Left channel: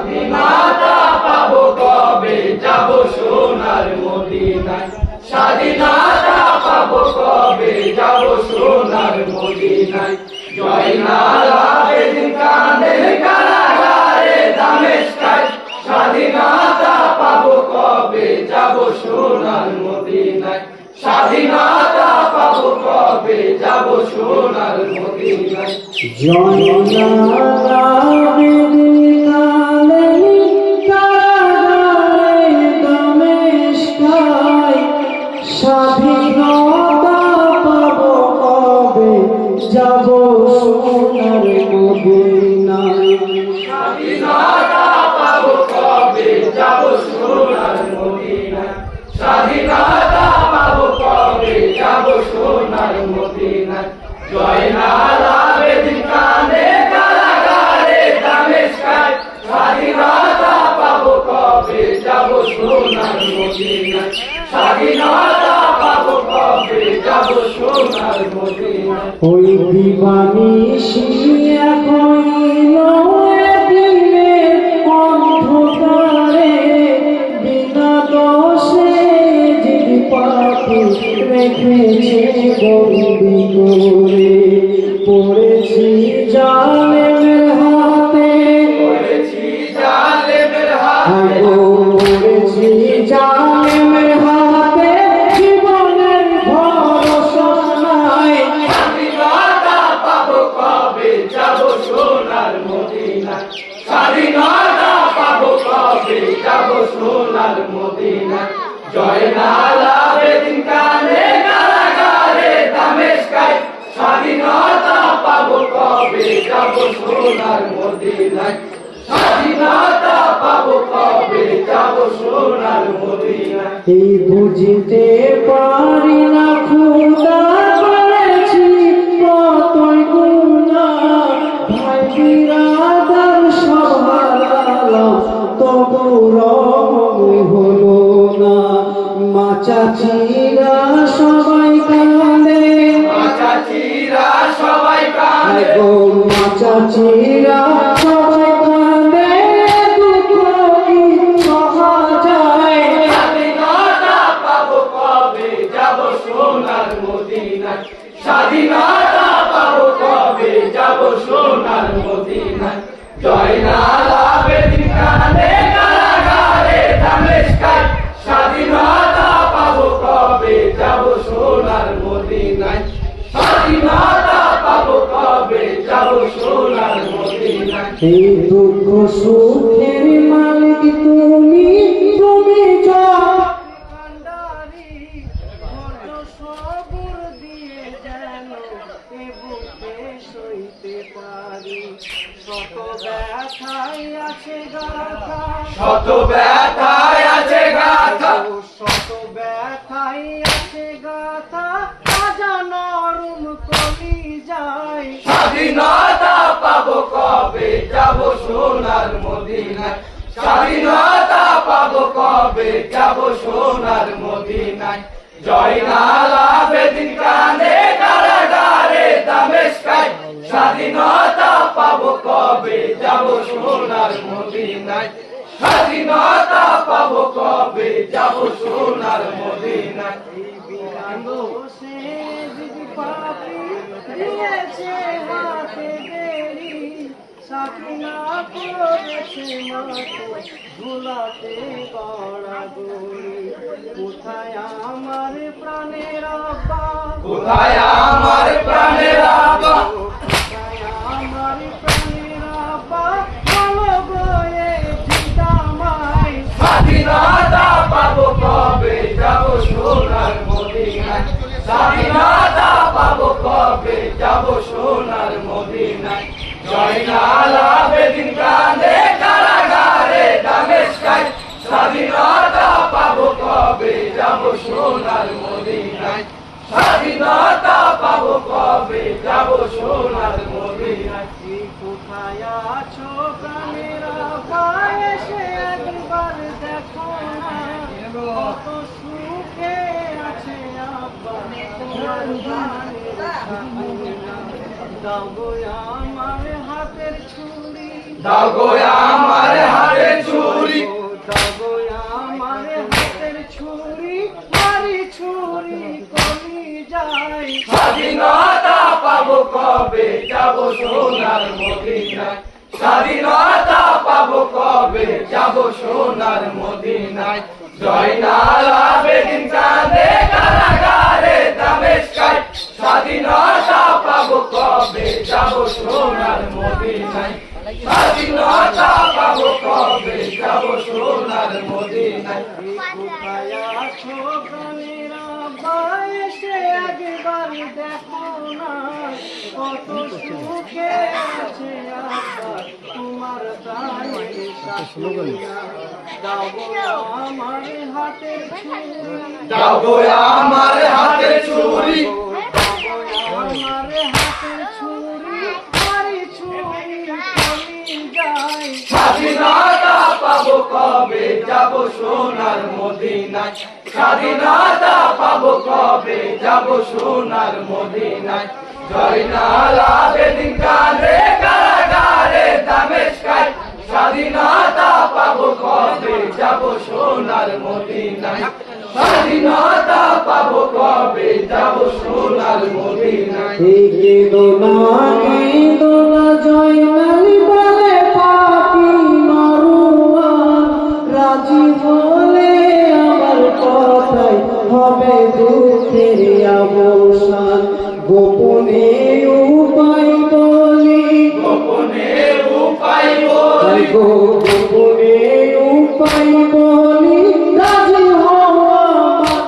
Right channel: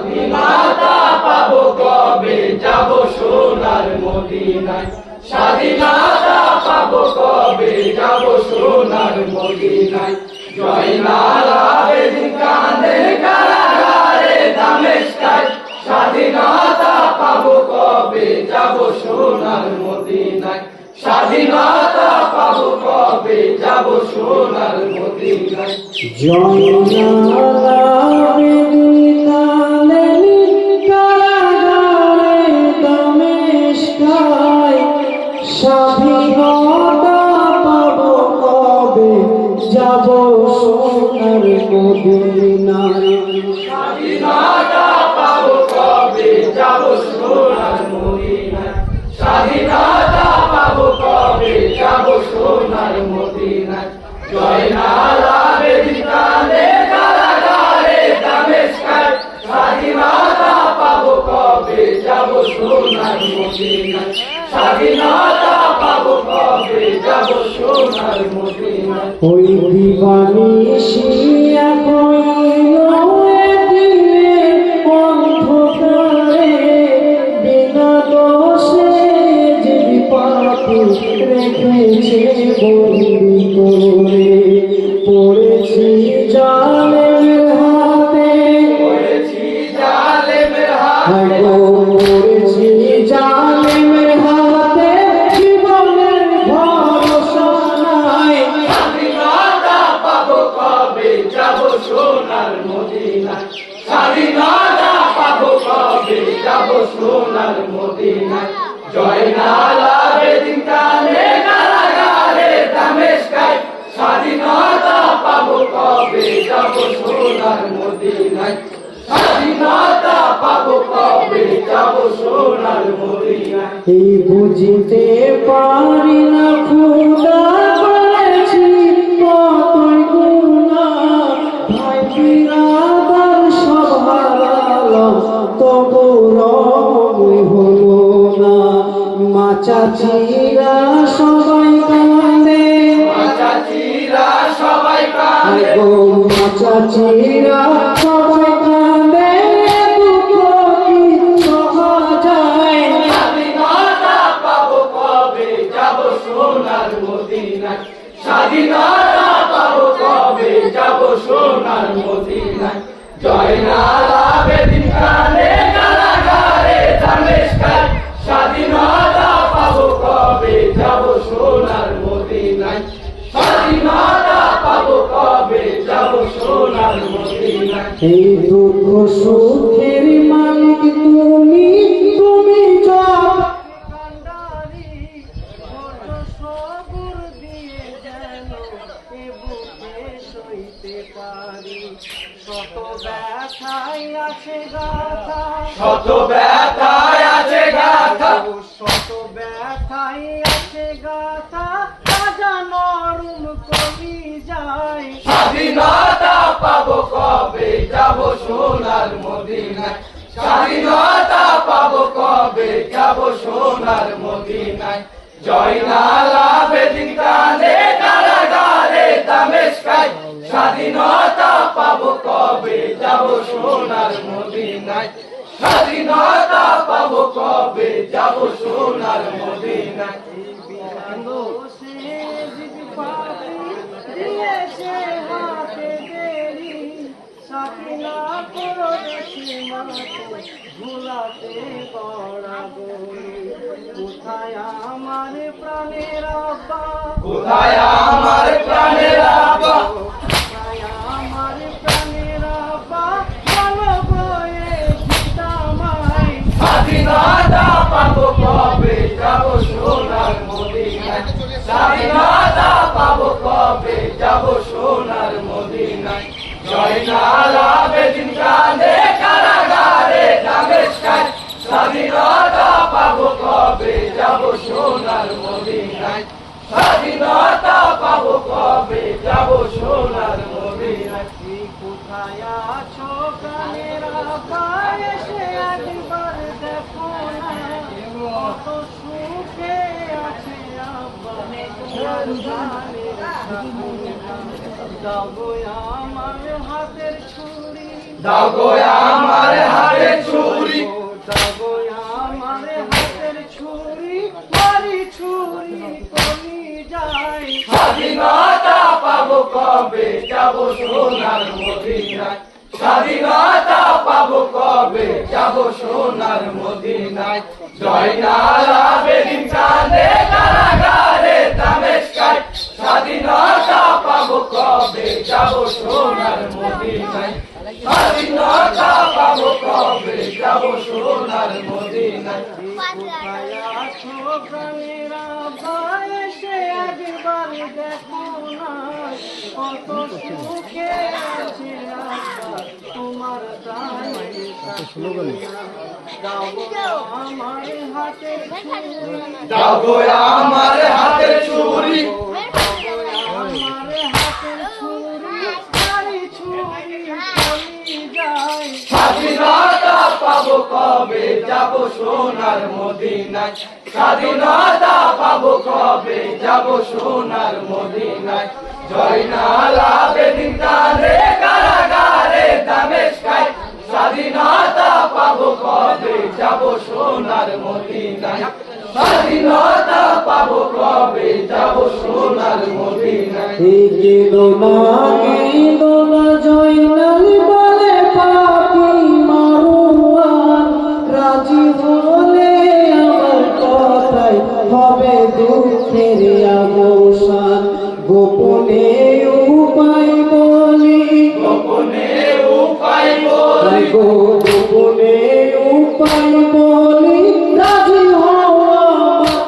স্বাধীনতা পাবো কবে, যাব সোনার মদিনায়। স্বাধীনতা পাবো কবে, যাব সোনার মদিনায়। জয়নাল আবেদীন কাঁদেন কারাগারে দামেস্কায়। স্বাধীনতা পাবো কবে, যাব সোনার মদিনায়। স্বাধীনতা পাবো কবে, যাব সোনার মদিনায়। স্বাধীনতা পাবো কবে, যাব সোনার মদিনায়। স্বাধীনতা পাবো কবে, যাব সোনার মদিনায়। স্বাধীনতা পাবো কবে, যাব সোনার মদিনায়। জয়নাল আবেদীন কাঁদেন কারাগারে দামেস্কায়। স্বাধীনতা পাবো কবে, যাব সোনার মদিনায়। স্বাধীনতা পাবো কবে, যাব সোনার মদিনায়। ওই দিবানিশি হইল দিনের অন্ধকারে, বিনা দোষে যদি পাখি রেখেছে বন্দি করে। পড়েছি জালেমের হাতে, পড়েছি জালেমের হাতে, পড়েছি জালেমের হাতে, জীবনের ভরসা নাই। স্বাধীনতা পাবো কবে, যাব সোনার মদিনায়। স্বাধীনতা পাবো কবে, যাব সোনার মদিনায়। জয়নাল আবেদীন কাঁদেন কারাগারে দামেস্কায়। স্বাধীনতা পাবো কবে, যাব সোনার মদিনায়। স্বাধীনতা পাবো কবে, যাব সোনার মদিনায়। এই বুঝতে পারি না খোদা, করেছি কতই গুনাহ। ভাই বিরাদার সব হারালাম, তবু রহম হলো না। মা চাচিরা সবাই কাঁদে, মা চাচিরা সবাই কাঁদে, মা চাচিরা সবাই কাঁদে, দুঃখ কি সহা যায়। স্বাধীনতা পাবো কবে, যাব সোনার মদিনায়। স্বাধীনতা পাবো কবে, যাব সোনার মদিনায়। জয়নাল আবেদীন কাঁদেন কারাগারে দামেস্কায়। স্বাধীনতা পাবো কবে, যাব সোনার মদিনায়। স্বাধীনতা পাবো কবে, যাব সোনার মদিনায়। এই দুঃখ সুখের মালিক তুমি, তুমি কান্ডারি বড় সবুর দিয়ে যেন এ বুকে সইতে পারি। শত ব্যথায় আছে গাথা, শত ব্যথায় আছে গাথা, শত ব্যথায় আছে গাথা, রাজা নরম কলি যায়। স্বাধীনতা পাবো কবে, যাব সোনার মদিনায়। স্বাধীনতা পাবো কবে, যাব সোনার মদিনায়। জয়নাল আবেদীন কাঁদেন কারাগারে দামেস্কায়। স্বাধীনতা পাবো কবে, যাব সোনার মদিনায়। স্বাধীনতা পাবো কবে, যাব সোনার মদিনায়। সে যদি পাপি দিয়েছে হাতে দেরি, সাকিনা করেছে মাতো ভুলাতে গড়াগড়ি। কোথায় আমার প্রাণের আব্বা, কোথায় আমার প্রাণের আব্বা, কোথায় আমার প্রাণের আব্বা, ভালো বয়ে জিতামাই। স্বাধীনতা পাবো কবে, যাব সোনার মদিনায়। স্বাধীনতা পাবো কবে, যাব সোনার মদিনায়। জয়নাল আবেদীন কাঁদেন কারাগারে দামেস্কায়। স্বাধীনতা পাবো কবে, যাব সোনার মদিনায়। স্বাধীনতা পাবো কবে, যাব সোনার মদিনায়। কোথায় আছো প্রাণের আব্বা, এসে একবার দেখো না, কত সুখে আছে আব্বা তোমার গানের সাথে না। দাও গো আমার হাতের ছুরি, দাও গো আমার হাতের ছুরি, দাও গো আমার হাতের ছুরি, মারি ছুরি কলি যায়। স্বাধীনতা পাবো কবে যাব সোনার মদিনায়, স্বাধীনতা পাবো কবে যাব সোনার মদিনায়। জয়নাল আবেদীন কাঁদে কারাগারে দামেস্কায়, স্বাধীনতা পাবো কবে যাব সোনার মদিনায়, স্বাধীনতা পাবো কবে যাব সোনার মদিনায়। কোথায় আছো প্রাণেরা এসে একবার দেখো না, কত সুখে আছে আব্বা তোমার প্রাণের শাশুড়িরা। দাও গো আমার হাতের ছুরি, দাও গো আমার হাতের ছুরি, দাও গো আমার হাতের ছুরি, মারি ছুরি চলি যায়। স্বাধীনতা পাবো কবে যাব সোনার মদিনায়, স্বাধীনতা পাবো কবে যাব সোনার মদিনায়। জয়নাল আবেদীন কাঁদে কারাগারে দামেস্কায়, স্বাধীনতা পাবো কবে যাব সোনার মদিনায়, স্বাধীনতা পাবো কবে যাব সোনার মদিনায়। জয়নাল বলে পাপি মারুয়ান, রাজি হলে আমার কথাই হবে দুঃখের অবসান। গোপনে উপায় বলি, গোপনে উপায় বলি, গোপনে উপায় বলি, রাজি হওয়া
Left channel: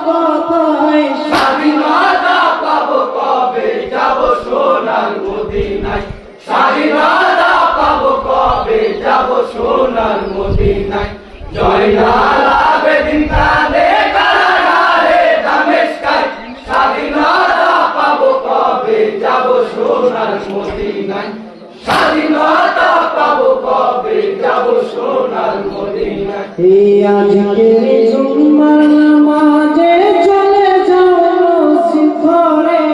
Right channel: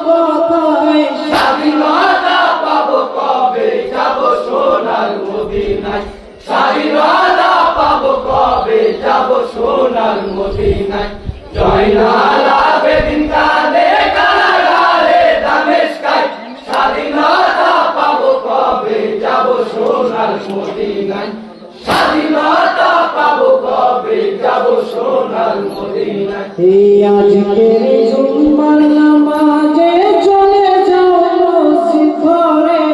কথায়। স্বাধীনতা পাবো কবে যাব সোনার মদিনায়, স্বাধীনতা পাবো কবে যাব সোনার মদিনায়। জয়নাল আবেদীন কাঁদে কারাগারে দামেস্কায়, স্বাধীনতা পাবো কবে যাব সোনার মদিনায়, স্বাধীনতা পাবো কবে যাব সোনার মদিনায়। এই আজকের জুম্মার নামাজে চলে যাও মসজিদ ঘরে,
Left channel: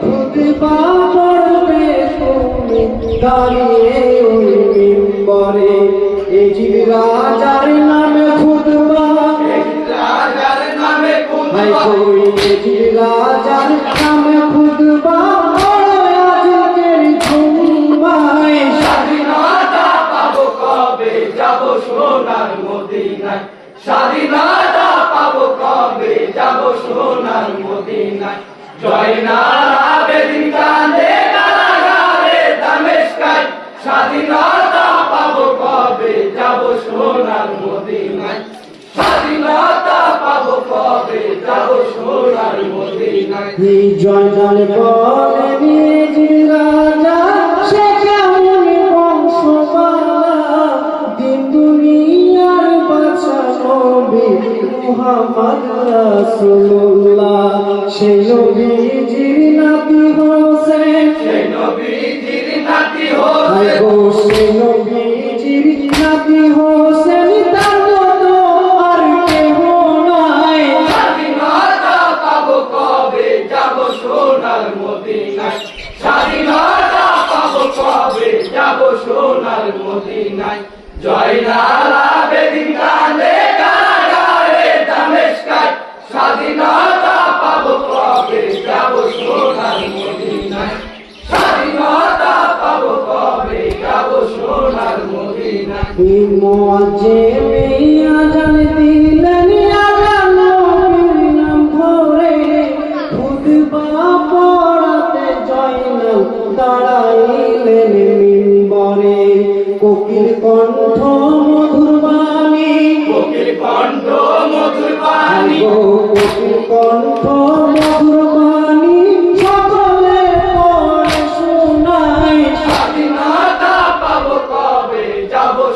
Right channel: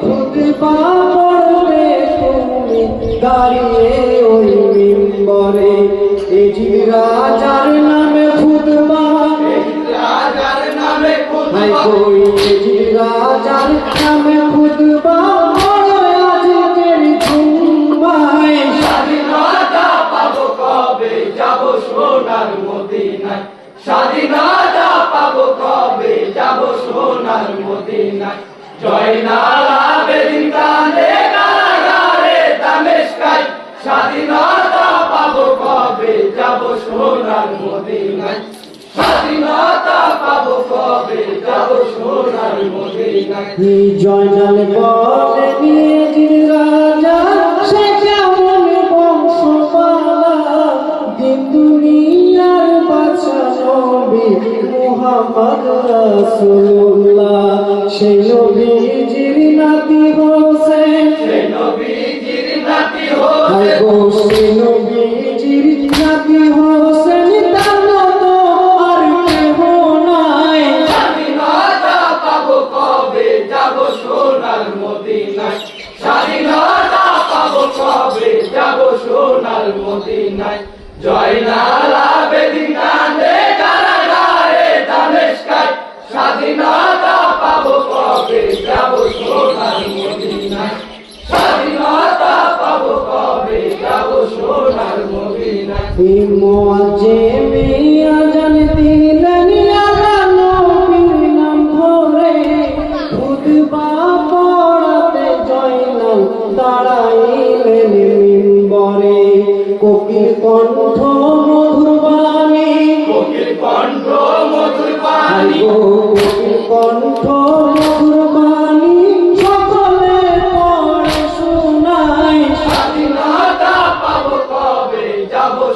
খুতবা পড়বে তুমি দাঁড়িয়ে ওই মিম্বরে। এজিদ রাজার নামে খুতবা, রাজার নামে খুতবা, এজিদ রাজার নামে খুতবা আজকের জুম্মায়। স্বাধীনতা পাবো কবে যাব সোনার মদিনায়, স্বাধীনতা পাবো কবে যাব সোনার মদিনায়। জয়নাল আবেদীন কাঁদে কারাগারে দামেস্কায়, স্বাধীনতা পাবো কবে যাব সোনার মদিনায়, স্বাধীনতা পাবো কবে যাব সোনার মদিনায়। জয়নাল বলে এজিদ রাজা সে কেমন বংশবালা, দিন দুনিয়ার বাদশা নবী মুহাম্মদ রাসূলুল্লাহ। সেই নবীজির নাতি হোসেন, সেই নবীজির নাতি হায় হোসেন, গো সেই নবীজির নাতি হোসেন, তার মতো আর কেহ নাই। স্বাধীনতা পাবো কবে যাব সোনার মদিনায়, স্বাধীনতা পাবো কবে যাব সোনার মদিনায়। জয়নাল আবেদীন কাঁদে কারাগারে দামেস্কায়, স্বাধীনতা পাবো কবে যাব সোনার মদিনায়, স্বাধীনতা পাবো কবে যাব সোনার মদিনায়। মুআজ্জিমে আযান দিলেন আযান নবীর নাম ধরে, খুতবা পড়াতে জয়নাল দাঁড়াইলেন মিম্বরে। কোকিল কণ্ঠ মধুর বাণী, কোকিল কণ্ঠ মধুর বাণী, কোকিল কণ্ঠ